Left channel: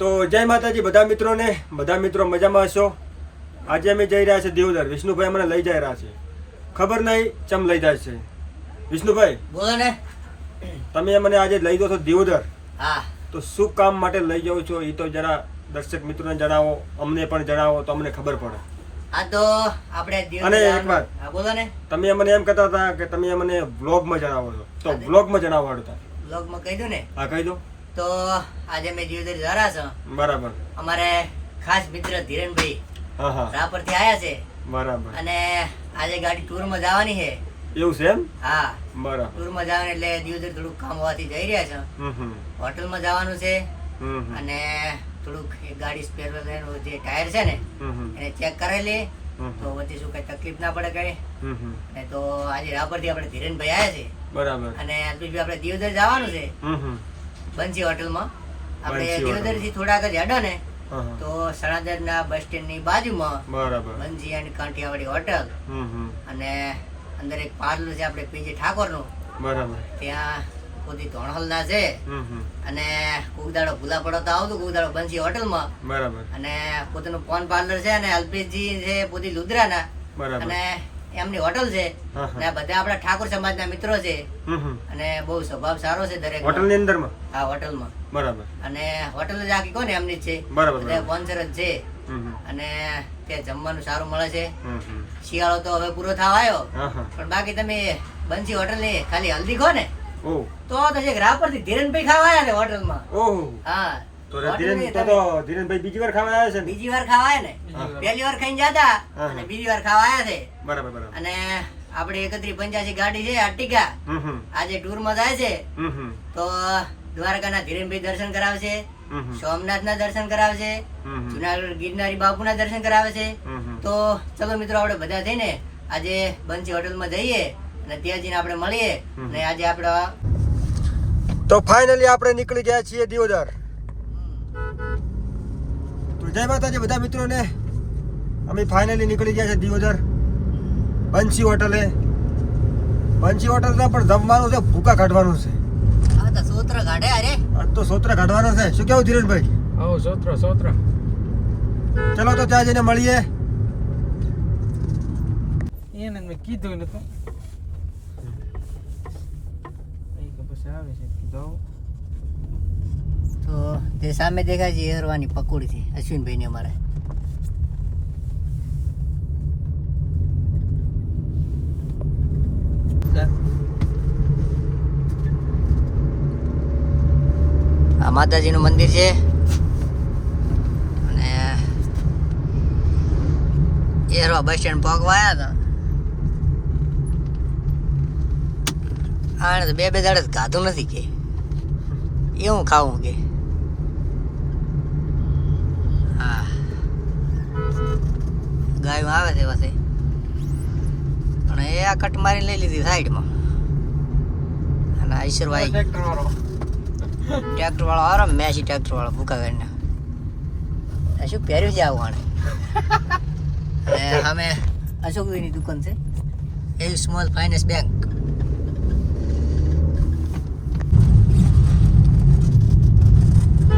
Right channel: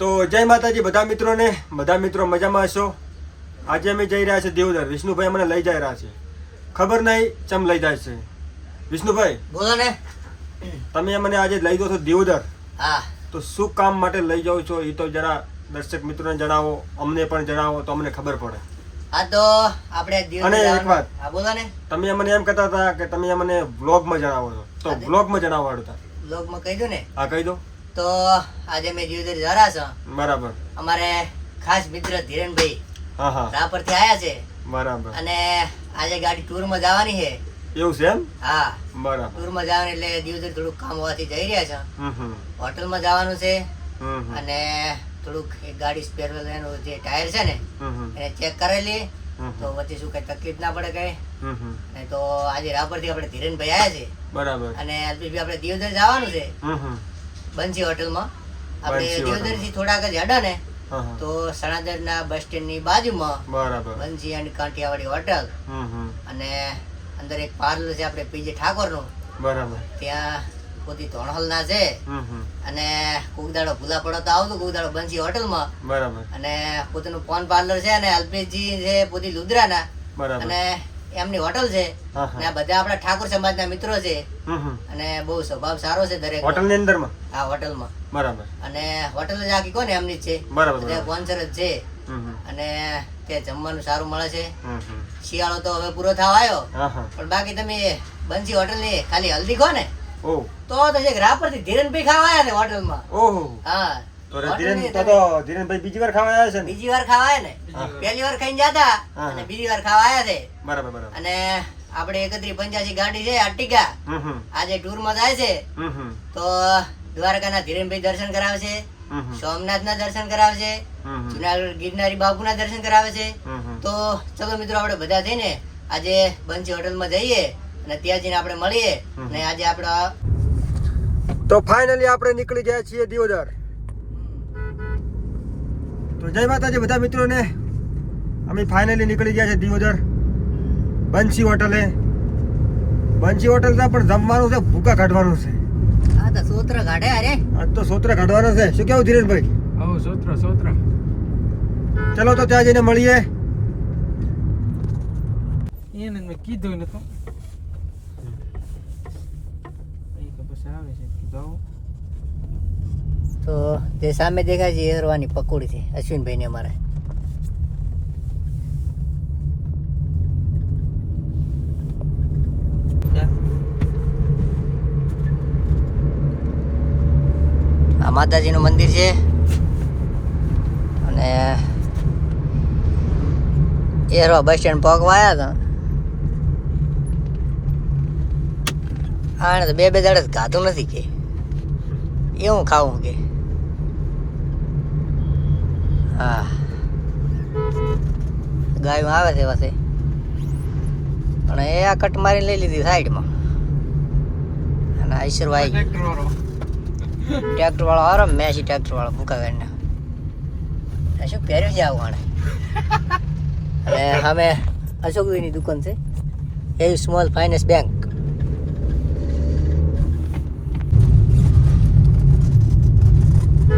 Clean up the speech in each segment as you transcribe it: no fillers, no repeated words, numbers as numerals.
તો જય માતાજી બધા મિત્રોને, બધા મિત્રો મજામાં હશો. આજે અમે જઈ રહ્યા છે દેવદર. વિષ્ણુભાઈ મને લઈ જઈ રહ્યા છે, ખબર નહીં ચમ લઈ જાય છે. વિષ્ણુભાઈ બોલો ને. તમે મને આજે લઈ દો છો દેવદર. હા, તો શું કામ માટે લઈ જાઓ છો એ તો જરા દર્શક મિત્રોને જણાવો, અમને પણ જણાવો તો અમને ખબર પડે. આ તો આપણે અને એક વાત, હા બોલો ને. તમે મને એમ કહેતા હતા કે તમે મને વ્લોગમાં જણાવો છો, તો વ્લોગમાં જણાવવા હતા. બ્લોગમાં કહી દઉં ને. હા કહી દો. તો આજે મેં જીવદર જરા છો. બરાબર. અમારે ખાસ મિત્ર ધીરેનભાઈ હા હા રાપરથી આયા છે બરાબર. અને આજે ગાડી ટૂરમાં જવાની છે. એવું છે એમ? હા, બરાબર. ટૂરમાં જવાની એટલે જીવદર થોડુંક કામ હોવાથી જઈ રહ્યા છે. હોટલમાં જવાનું છે અને થોડુંક એક ગાડી સ્પેર એનું જે ટાયર છે ને એને ચેક કરેલી, તો વચ્ચે શું કઈ તકલીફ ના પડે કઈ. અને તો આજે રાપરથી આપણે ધીરેનભાઈ આયા છે. બરાબર. અને આપણે દિવદર જવાનું છે બંસી હોટલમાં. આપણે દિવદર થી થોડાક જ હેડો ને તો સણાદર ના બસ સ્ટેન્ડ ની બાજુમાં બરાબર બંસી અને કાંઠિયાવાડી હોટલ અને અંદર એક પાર્લર છે આપણે પીજે ઠાકોર નું. બરાબર. ત્યાં પોતી ધોણહલ ના છે અને કુકદાડો ભૂલા પડો તો આવતું કુકદાડો બંસી હોટલ માં. બરાબર. અને પોતાનું ફોન પાર્લર છે અને અલ્પેશજી છે પોતી લુદ્રા ના. બરાબર. અને એમની હોટલ છે અને આ બધા આપણા ઠાકોર સમાજ ના મિત્રો છે અને બહુ સ્વભાવ સારો છે દરેક હોટલ ની અંદર માં. આ હોટલ માં. બરાબર. અને હોટલ જ આખી કોને એમની જ છે. બરાબર. બધા સ્પોન્સર જ છે અને ત્યાં જમવાનું સારું મળે છે. શિયાળો તો હવે પૂરો થવા આવ્યો પણ બાકી તમે બંસી હોટલ ની ખાલી હલ્દી ખો ને તો છે રાપર થી ધીરેનભાઈ ખાવા આવ્યા ને હોટલ માં. હા, તો ધીરેનભાઈ બીજી વાર ખાવા આવ્યા છે ને? બીજી વાર ખાવા આવ્યા ને. પહેલી વાર ખાઈને જતા અને બીજી વાર ખાવા આવ્યા છે. બરાબર. બરાબર. અને આપણે 3185 ગાડી છે આર્ટિકા. આજે ટૂર માં જાય છે તો દ્વારકા ના ધીરેનભાઈ દર્શન કરાવશે, સોમનાથ ના દર્શન કરાવશે, જુનાગઢ ગિરનારી બાપુ ના દર્શન કરાવે છે. તો ચલો મિત્રો આપણે બધા થઈને આજે બંસી હોટલ માં જઈએ અને ત્યાં જઈને આપણે મળીએ. અને આજે આપણે તો ફાઇનલી આપણે નીકળી ગયા છીએ દિયોદર. તો જય માતાજી બધા મિત્રોને, અમે ફાઇનલી નીકળી ગયા છે દિયોદર બંસી હોટલે. બંસી હોટલ ને પણ જમવાનું છે, ભૂકા કાઢવાનું છે. આ તો સોત્ર કાઢે અરે. આજ તો સોત્ર કાઢવાનો છે. શું કેવું ધીરેનભાઈ? સોત્ર. ચલો તો ત્યાં જઈને મળીએ. એને મેં કીધું ને તો તે સામે દેખાય છે એરવાની પકોડી છે અશ્વિનભાઈ ને અમારે. આ માતાજી નું મંદિર છે અને એરવા બસ સ્ટેન્ડ પગવા આવ્યા હતા. આને તો બે દાડે ખાધું નથી કે એવું ખાવું કે. હા, ગાયું આવે છે પાસે પણ એ આ કટ મારી લઈ લીધી સાઈડમાં. અને આઈશ્વરભાઈ ટ્રેક્ટર વાળો આરામ મેસી ટ્રેક્ટર વાળો ભૂકા ગાડીના શું પહેર્યું છે આવું આણે. અને સામે અશોકભાઈની દુકાન છે, એ સ્મોલ ફાઇનાન્સ બેંક.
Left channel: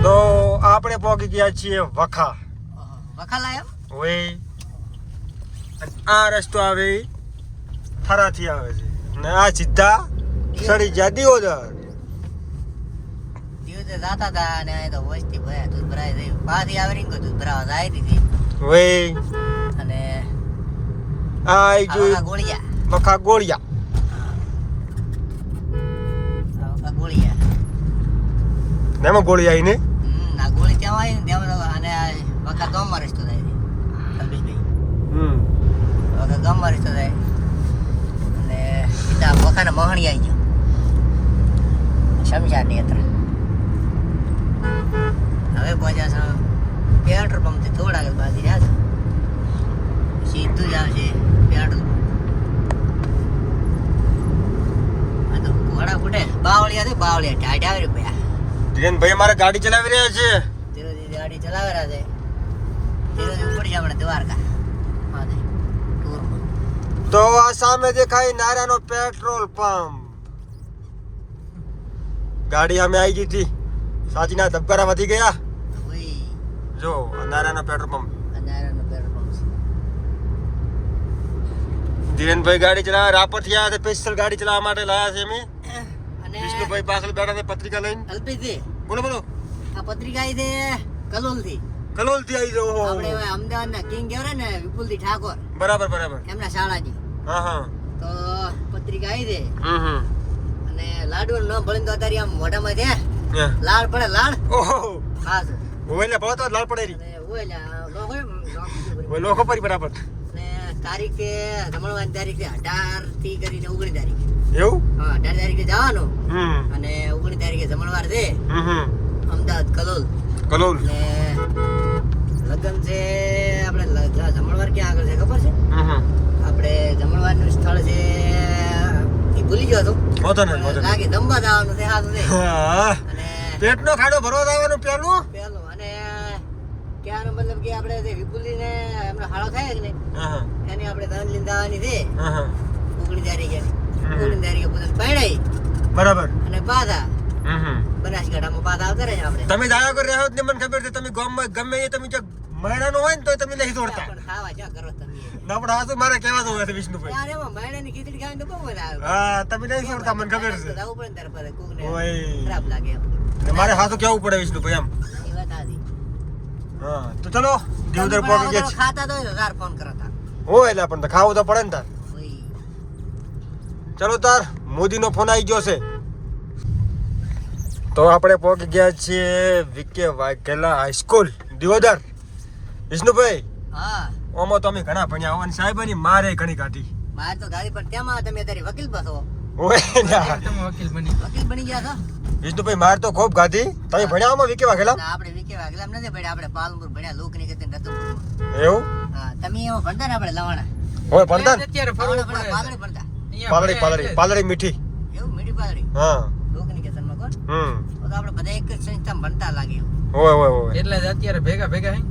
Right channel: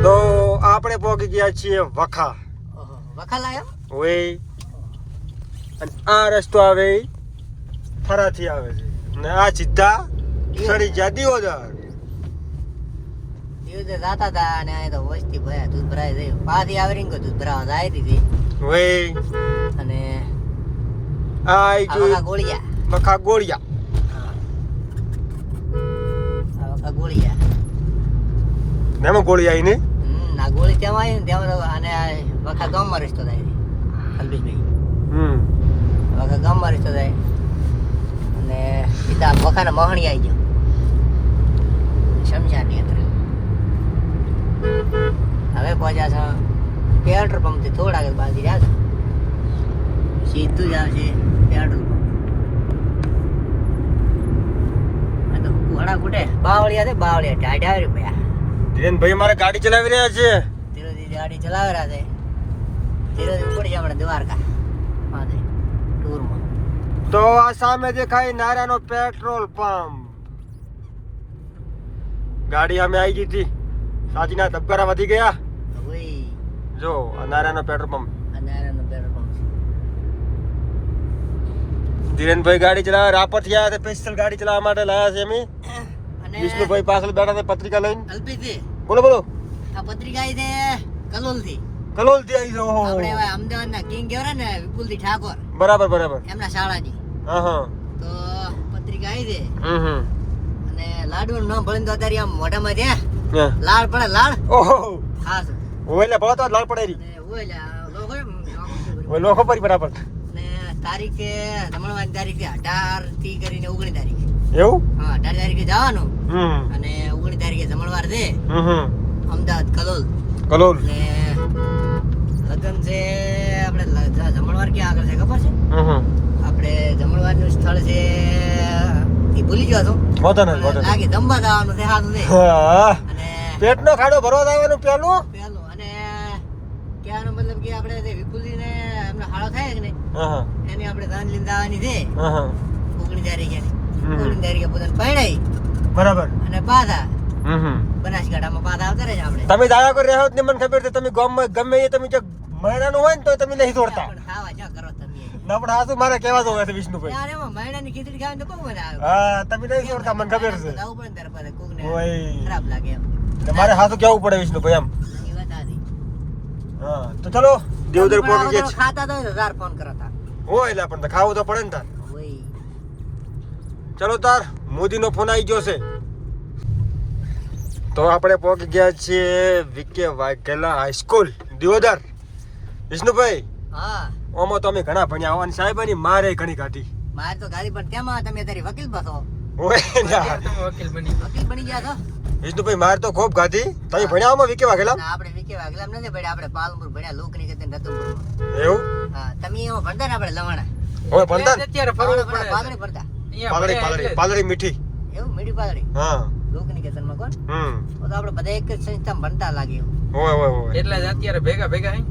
તો આપણે પહોંચી ગયા છીએ વખા. વખા લાયો ઓય, અને આ રસ્તો આવે થરાથી આવે છે અને આ સીધા સડી ગયા દિયોદર. દિવસે જાતા હતા અને તો વસ્તી ભયા દૂધ ભરાય છે. પાછી આવી રીંગો દૂધ ભરાવા જાય દીધી. ઓય, અને આ આઈ જોઈ ગોળિયા. વખા ગોળિયા. વખા ગોળિયા. એમાં ગોળી આવી ને આ ગોળી ત્યાં આવી ને ત્યાં તો અને વખા ગામમાં રસ્તો થાય છે અલ્પેશભાઈ. વખા ગામમાં રસ્તો થાય અને સીધા વખાના મહણી આવી ગયો શમશાનની અંદર. હવે પહોંચ્યા છે પેટ્રોલ પંપ થી થોડા આગળ બાકી રહ્યા છે. સીધું જ આવશે પેટ્રોલ પંપ. તો ઘોડા ફૂટે બાવળિયા છે, બાવળિયા ટાઈટ આવે ભાઈ. ધીરેનભાઈ અમારે ગાડી ચલાવી રહ્યા છે. ગાડી ચલાવી રહ્યા છે. ધીરે પડી આપણે દ્વારકા ટૂરમાં. તો આ સામે દેખાય નારાયણનો પેટ્રોલ પંપ. ગાડી અમે આવી ગઈ હતી, સાચીના ધબકારા વધી ગયા. જો નારાયણનો પેટ્રોલ પંપ. અંધારાનું પેટ્રોલ પંપ છે. ધીરેનભાઈ ગાડી ચલાવે, રાપરથી આવ્યા છે, સ્પેશિયલ ગાડી ચલાવવા માટે લાયા છે અમે. અને વિષ્ણુભાઈ પાછળ બેઠા છે પત્રિકા લઈને. અલ્પેશજી, બોલો બોલો. આ પત્રિકા આવી છે કલોલથી. કલોલથી આવી જાઓ. આપણે હવે અમદાવાદના કિંગ કહેવાય ને વિપુલજી ઠાકોર, બરાબર બરાબર. એમના શાળાની. હા હા. તો પત્રિકા આવી છે હમ. અને લાડુનું નામ ભણીને તો અત્યારે આમ મોઢામાં છે હા. લાડ પડે, લાડ. ઓહો. ખાસ ઓયલા ભલા તો લાલ પડે રી. ને ઓયલા લોકો એમ ઓય લોખો પરી બરાબર. ને તારીખ છે જમણવાની તારીખ છે 18 થી કરીને 19 તારીખે. એવું? હા, 18 તારીખે જવાનું હમ. અને 19 તારીખે જમણવાર છે હમ. અમદાવાદ કલોલ. કલોલ. ને લગ્ન છે આપણે જમણવાર ક્યાં આગળ છે ખબર છે? હમ. આપણે જમણવારનું સ્થળ છે એ ભૂલી ગયો હતો. વાંધો નહીં, વાંધો નહીં. લાગે જમવા જવાનું છે સારું છે. હા. અને પેટનો ખાડો ભરવા દેવાનું પેલું. પહેલું અને ક્યાંનો મતલબ કે આપણે જે વિપુલજીને એમનો હાળો થાય કે નહીં હા એની આપણે દાન લઈને દાવાની છે હા. 19 તારીખે. 19 તારીખે પોતાને પરણાઈ બરાબર. અને પાછા હમ. બનાસકાંઠામાં પાછા આવતા રહે આપણે. તમે દાયા કરી રહ્યા હો ને મને ખબર છે તમે ગામમાં ગમે એ તમે જો મહિનાનું હોય ને તો તમે નહીં તોડતા. પણ ખાવા ક્યાં કરો તમે? ના પણ આ તો મારે કહેવા જોવે છે વિષ્ણુભાઈ. યાર એમાં મહિનાની ખીચડી ખાવાની તો બહુ મજા આવે. હા તમે નહીં તોડતા મને ખબર છે. જવું પડે ને તારે પાસે કોકને ઓય. ખરાબ લાગે એમ. એટલે મારે હાથું કેવું પડે વિષ્ણુભાઈ એમ. એ વાત સાચી. હા તો ચલો દેવદર પોકી ગયા છે. ખાતા તો 1000 ફોન કરતા. હોય એટલે પણ તો ખાવું તો પડે ને તાર. ઓય. ચલો તાર મોદીનો ફોન આવી ગયો છે. તો આપણે પહોંચી ગયા છીએ વિકે વાઘેલા હાઈસ્કૂલ દિયોદર. વિષ્ણુભાઈ હા. ઓમાં તો અમે ઘણા ભણ્યા હોવાની સાહેબની મારે ઘણી કાઢી. મારે તો ગાડી પર તેમાં તમે અત્યારે વકીલ બસો. ઓય યાર. તમે વકીલ બની વકીલ બની ગયા છો? વિષ્ણુભાઈ મારે તો ખૂબ ગાધી. તમે ભણ્યા આમાં વિકે વાઘેલા? ના, આપણે વિકે વાઘેલા નથી ભણ્યા, આપણે પાલનપુર ભણ્યા, લોકની કીર્તન રતનપુરમાં. એવું? હા, તમે એમાં ભણતા ને આપણે લવાણા. હોય ભણતા ને? અત્યારે લવાણા ફરવું ભણતા, પાદળી ભણતા. પાલડી પાલડી પાલડી મીઠી. એવું મીઠી પાદળી. હા. લોકની કીર્તનમાં કોણ? હમ. તો આપણે બધા એક જ સંસ્થામાં ભણતા લાગે એવું. હોય હોય હોય. એટલે જ અત્યારે ભેગા ભેગા હે.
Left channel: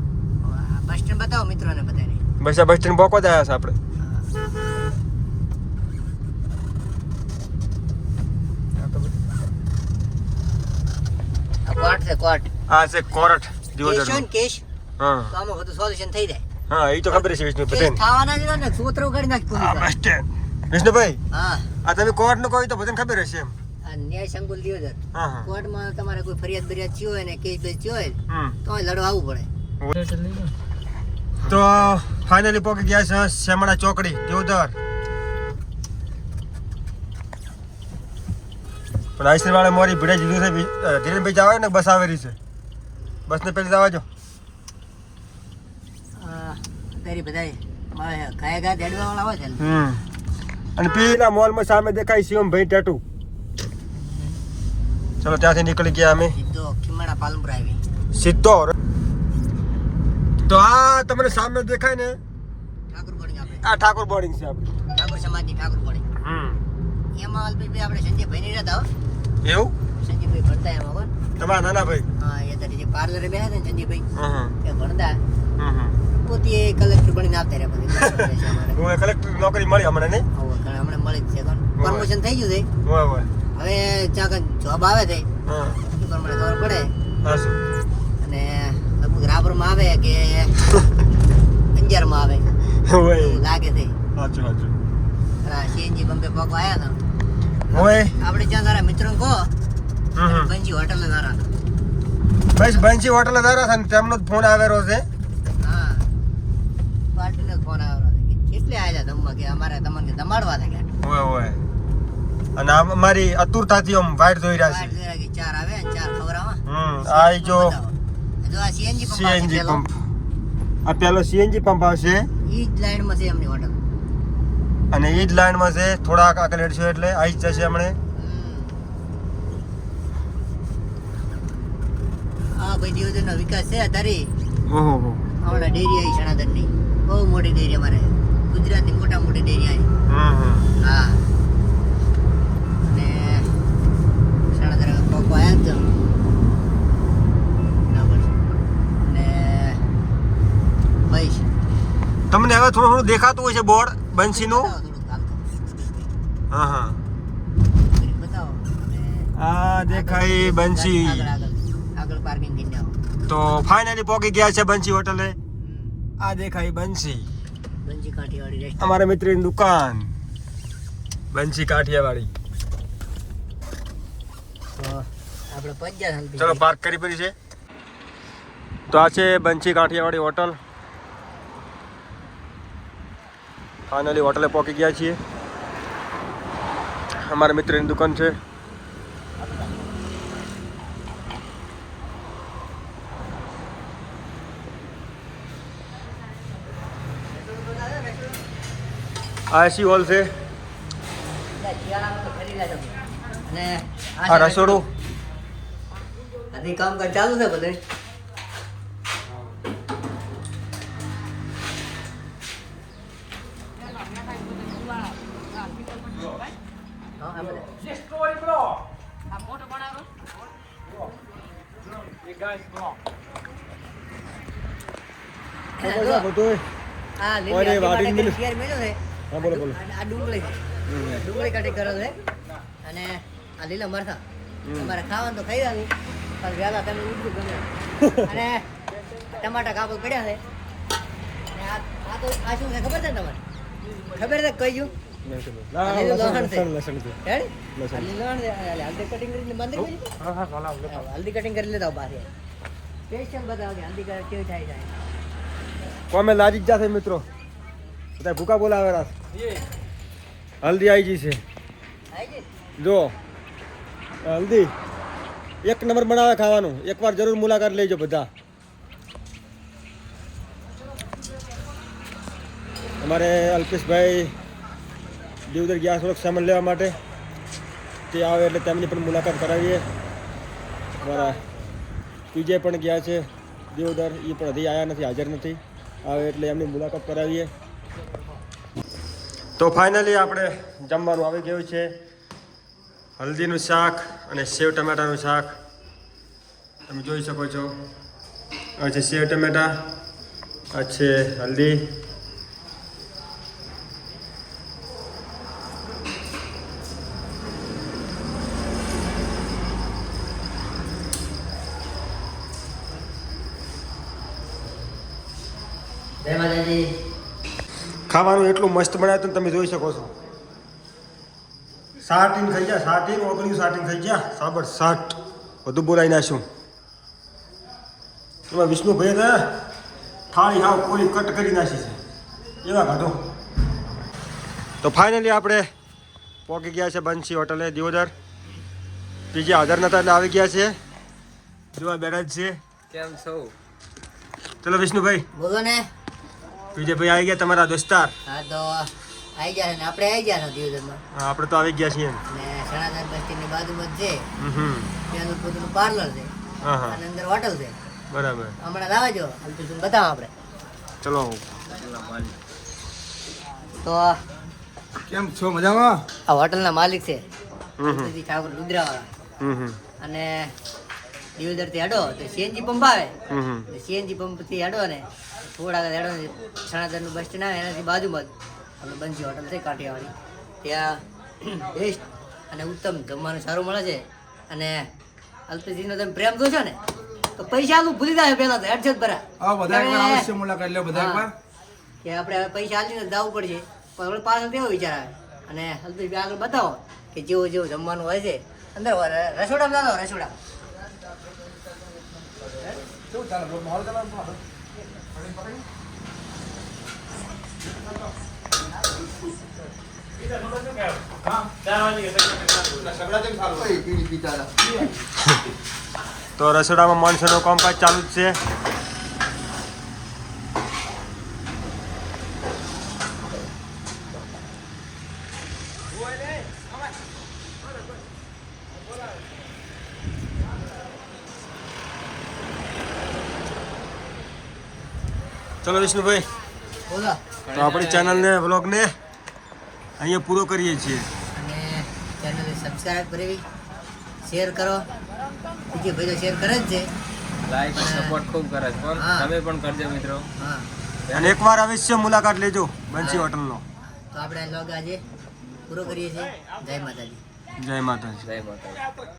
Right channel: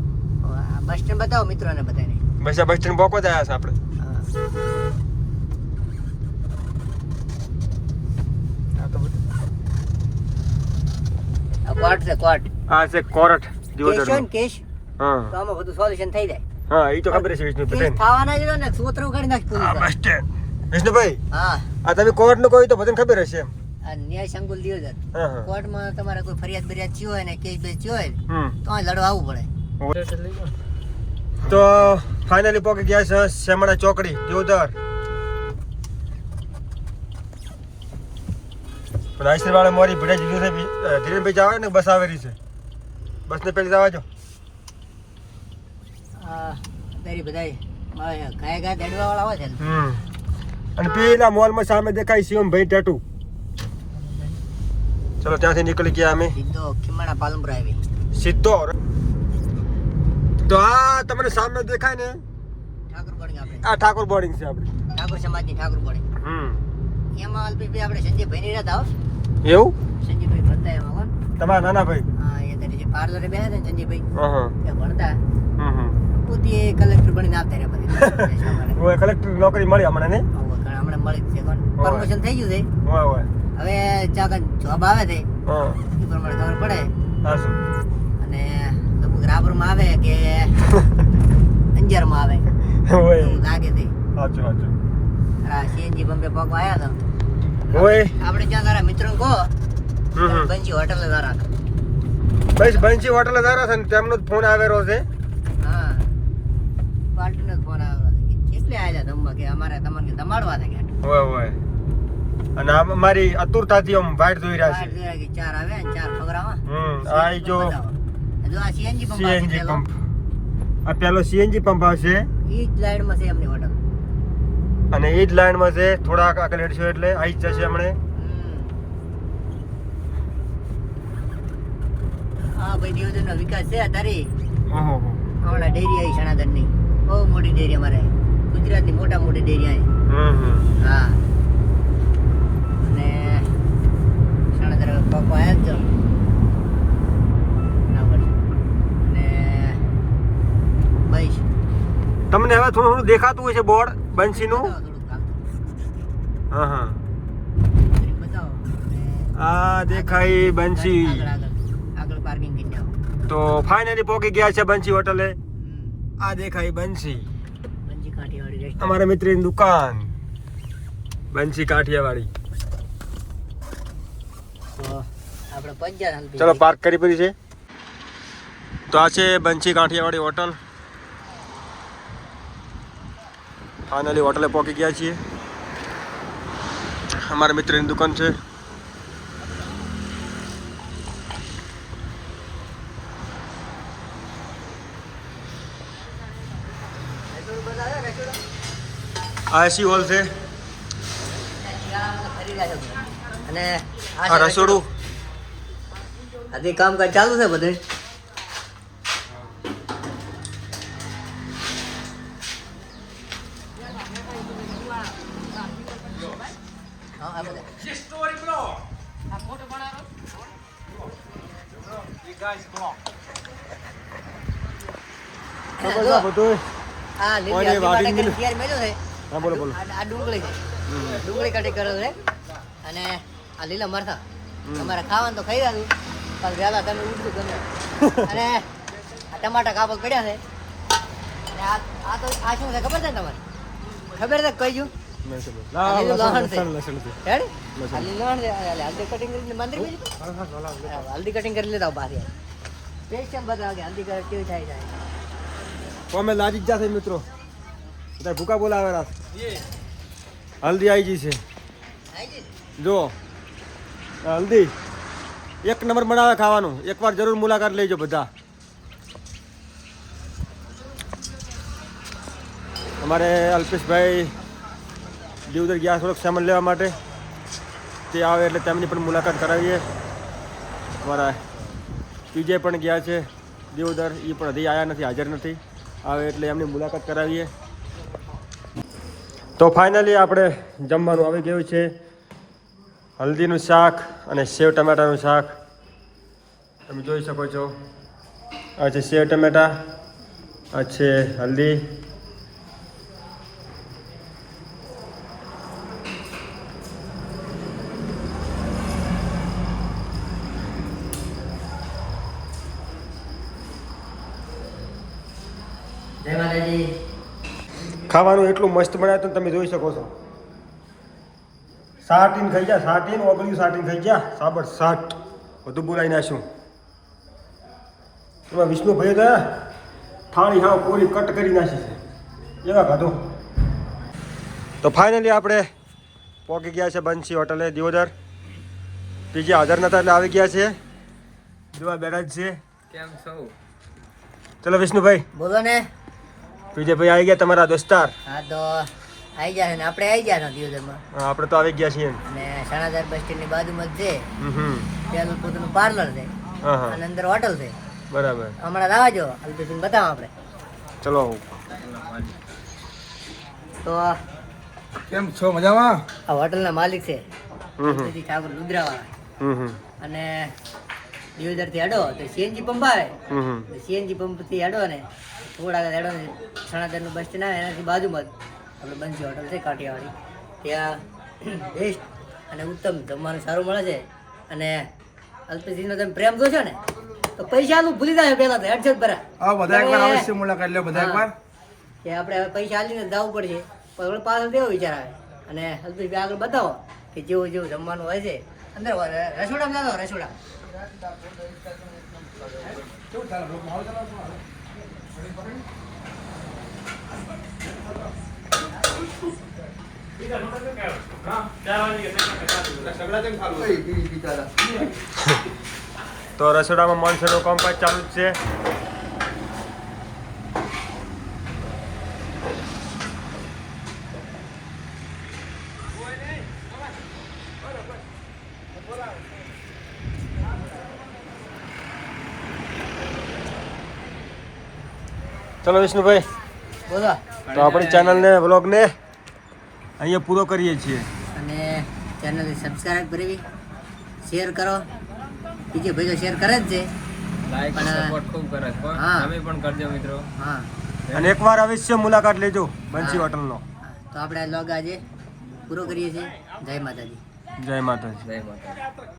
આ બસ સ્ટેન્ડ બતાવો મિત્રોને બધાને. બસ આ બસ સ્ટેન્ડ બોકો જ આવ્યા છે આપણે. હા. આ કોર્ટ છે, કોર્ટ. આ છે કોરટ દિયોદર. કેસ હોય ને કેસ, હા તો આમાં બધું સોલ્યુશન થઈ જાય. હા એ તો ખબર છે વિષ્ણુભાઈ કેસ બધાને. થવાના જ ને સૂત્રો કાઢી નાખ આ પોલીસ. Bus stand. વિષ્ણુભાઈ હા. આ તમે કોર્ટ નું કહો તો બધાને ખબર હશે એમ. આ ન્યાય સંકુલ દિયોદર. હા હા. કોર્ટમાં તમારે કોઈ ફરિયાદ બરિયાદ થયો હોય ને કેસ બેસ થયો હોય હમ. તો અહીં લડવા આવવું પડે. તો ફાઇનલી પહોંચી ગયા છે શેમડા ચોકડી દિયોદર. પણ આઈસર વાળા મોરી ભીડા લીધું છે. ધીરેનભાઈ જવા ને બસ આવેલી છે. બસ ને પેલી જવા જો. અત્યારે બધા ગાય દેડવા વાળા હોય છે ને. અને પેલા મોલમાં સામે દેખાય શિવમભાઈ ટેટુ. ચલો ત્યાંથી નીકળી ગયા અમે સીધો ખીમાણા પાલનપુર આવી. સીધો. તો આ તમને સામે દેખાય ને ઠાકોર બોર્ડિંગ આપણે. આ ઠાકોર બોર્ડિંગ છે આપણે. ઠાકોર સમાજની ઠાકોર બોર્ડિંગ. એમાં અલ્પેશભાઈ આપણે સંજયભાઈ ની રહેતા હો. એવું? સંજયભાઈ ભણતા એમાં કોણ? તમારા નાના ભાઈ. હા, એ અત્યારે જે પાર્લરે બેઠા હતા ને સંજયભાઈ હા એ ભણતા. હા. પોતે કલેક્ટર બનીને આવતા રહ્યા પછી. હું કલેક્ટર નોકરી મળી હમણાં ને. હમણાં મળી જ છે કોણ. પ્રમોશન થઈ ગયું છે. હોય હોય. હવે ચાક જોબ આવે છે હા એ પ્રમાણે ખબર પડે. હા શું? અને લગભગ રાપરમાં આવે કે અંજારમાં આવે હોય. એવું લાગે છે. સાચું સાચું. આ સીએનજી પંપે પગ આવ્યા હતા. હોય. આપણે ત્યાં તારા મિત્રોને કહો બંજી હોટલે તારા હતા. બસ બંસી હોટલ દારા છે ને તેમનો જ ફોન આવેલો છે. હા, પાર્ટીનો ફોન આવ્યો હતો કે કેટલે આવ્યા જમવા કે અમારે તમને કે જમાડવા છે કે હોય હોય. અને આ અમારી અતુરતાથી આમ વાઇટ ધોઈ રહ્યા બહાર છે. જોયા કે ચાર આવે ને ચાર ખવડાવવા. આ ઈ જો જો આ સીએનજી પંપ સીએનજી પંપ. આ પેલો સીએનજી પંપ આવશે ઈ જ લાઈનમાં છે એમની હોટલ. અને એ જ લાઈનમાં છે. થોડાક આગળ હેડશો એટલે આવી જ જશે હમણે. હા ભાઈ, દિયોદરનો વિકાસ છે અત્યારે. હમ. હમણાં ડેરી આવી સણાતનની બહુ મોટી ડેરી અમારે ગુજરાતની મોટી ડેરી આવી. હા, અને સણાતર પપ્પા આવ્યા જ તો ના પડી. અને ભાઈ તમને હવે થોડું થોડું દેખાતું હોય છે બોર્ડ બંસીનું. થોડુંક હાલતું. હા હા. બતાવો. આ દેખાય બંસી. આગળ પાર્કિંગ કરી જાઓ. તો ફાઇનલી પહોંચી ગયા છે બંસી હોટલે. આ દેખાય બંસી, બંસી કાઠિયાવાડી રેસ્ટોરન્ટ. અમારા મિત્રની દુકાન બંસી કાઠિયાવાડી. તો આપણે પહોંચ્યા જલ્દી. ચલો પાર્ક કરી પડી છે. તો આ છે બંસી કાઠિયાવાડી હોટલ. ફાઇનલી હોટલે પહોંચી ગયા છીએ. અમારા મિત્રની દુકાન છે. આ એસી હોલ છે. શિયાળામાં તો ફરી રહ્યા છો. અને આ રસોડું. આથી કામકાજ ચાલુ છે બધું. બધું આ ઓરે વાડીને મિલ. ઘેર મેલ્યું છે. હા બોલો બોલો. આ ડુંગળી છે. ડુંગળી કટિંગ કરે છે. અને આ લીલા મરચાં તમારે ખાવાનું તો ખાઈ આવ્યું પણ વહેલા તમે ઉઠું ગમે. અને ટમાટા કાપડ પડ્યા છે. અને આ તો આ શું છે ખબર છે ને તમારે? ખબર છે કઈ ગયું? નહીં ખબર. લસણ છે. રેડી? લસણ. આ લીલા છે. આ હલ્દી કટિંગ કરીને મંદિર મેલી. હલ્દી કટિંગ કરી લેતા બહાર સ્પેશિયલ બધા કે હલ્દી કરે કેવી થાય જાય. કોમે લાજી જ જશે મિત્રો. બધા ભૂકા બોલાવે રાત. હલ્દી આવી ગઈ છે. જો હલ્દી એક નંબર બનાવે ખાવાનું. એકવાર જરૂર મુલાકાત લેજો બધા. અમારે અલ્પેશભાઈ દીવદર ગયા થોડોક સામાન લેવા માટે. તે આવે એટલે તેમની પણ મુલાકાત કરાવીએ. અમારા પીજે પણ ગયા છે દીવદર. એ પણ હજી આવ્યા નથી, હાજર નથી. આવે એટલે એમની મુલાકાત કરાવીએ. તો ફાઇનલી આપણે જમવાનું આવી ગયું છે. હલ્દીનું શાક અને સેવ ટમેટાનું શાક તમે જોઈ શકો છો. આ છે સેવ ટમેટા, આ છે હલ્દી. જય માતાજી. ખાવાનું એટલું મસ્ત બનાવ્યું તમે જોઈ શકો છો. સાટીને ખાઈ જા, સાટીને ઓગળ્યું સાટીને ખાઈ જા. સાબર સાટ બધું બોલાવી નાખ્યું. એમાં વિષ્ણુભાઈ તો થાળી હાવ પૂરી કટ કરી નાખી છે એવા ખાધો. તો ફાઇનલી આપણે પહોંચી ગયા છે બંસી હોટલે દિયોદર. પીજે હાજર નતા એટલે આવી ગયા છે. જોવા બેઠા જ છે. કેમ છો? ચલો વિષ્ણુભાઈ. બોલો ને. પીજે ભાઈ આવી ગયા તમારા દોસ્તાર. હા તો આવી ગયા ને આપણે આવી ગયા દિવસમાં. હા, આપણે તો આવી ગયા છીએ. અને સણાધાર બસ સ્ટેન્ડની બાજુમાં જ છે. હમ. ત્યાંનું પોતાનું પાર્લર છે. હા હા અને અંદર હોટલ છે. બરાબર. હમણાં લાવજો અલ્પેશને બતાવો આપણે. ચલો. તો કેમ છો? મજામાં? આ હોટલના માલિક છે હમ ઠાકોર ગુજરાવાળા. હમ અને દિવદરથી અડો તો સીએનજી પંપ આવે. હમ સીએનજી પંપથી અડો ને થોડા આગળ અડો ને સણાધારનું બસ સ્ટેન્ડ આવે એનાથી બાજુમાં જ આપણે બંસી હોટલ છે કાઠિયાવાડી. ત્યાં બેસ્ટ અને ઉત્તમ જમવાનું સારું મળે છે. અને અલ્પેશજીનો તમે પ્રેમ જો છે ને તો પૈસા આલું ભૂલી જાય પહેલા તો હેડસેટ ભરા. હા, બધા એકવાર અવશ્ય મુલાકાત લ્યો. બધા એકવાર કે આપણે હવે પૈસા આલીને જવું પડશે પણ હવે પાછળ તેવો વિચાર આવે. અને અલ્પેશભાઈ આગળ બતાવો કે જેવું જેવું જમવાનું હોય છે અંદર રસોડામાં જાઓ. રસોડા તો રસોડામાં માણસોનું કામકાજ ચાલુ જ છે. ચલો વિષ્ણુભાઈ, બોલો. તો આપણી ચેનલને વ્લોગને અહીંયા પૂરો કરીએ છીએ. અને ચેનલને સબસ્ક્રાઇબ કરવી, શેર કરો. બીજે ભાઈ તો શેર કરે જ છે. લાઈક સપોર્ટ ખૂબ કરે છે. હા. તમે પણ કરજો મિત્રો. હા અને એકવાર અવશ્ય મુલાકાત લેજો બંસી હોટલનો. તો આપણે લોગ આજે પૂરો કરીએ છીએ. જય માતાજી. જય માતાજી. જય માતા.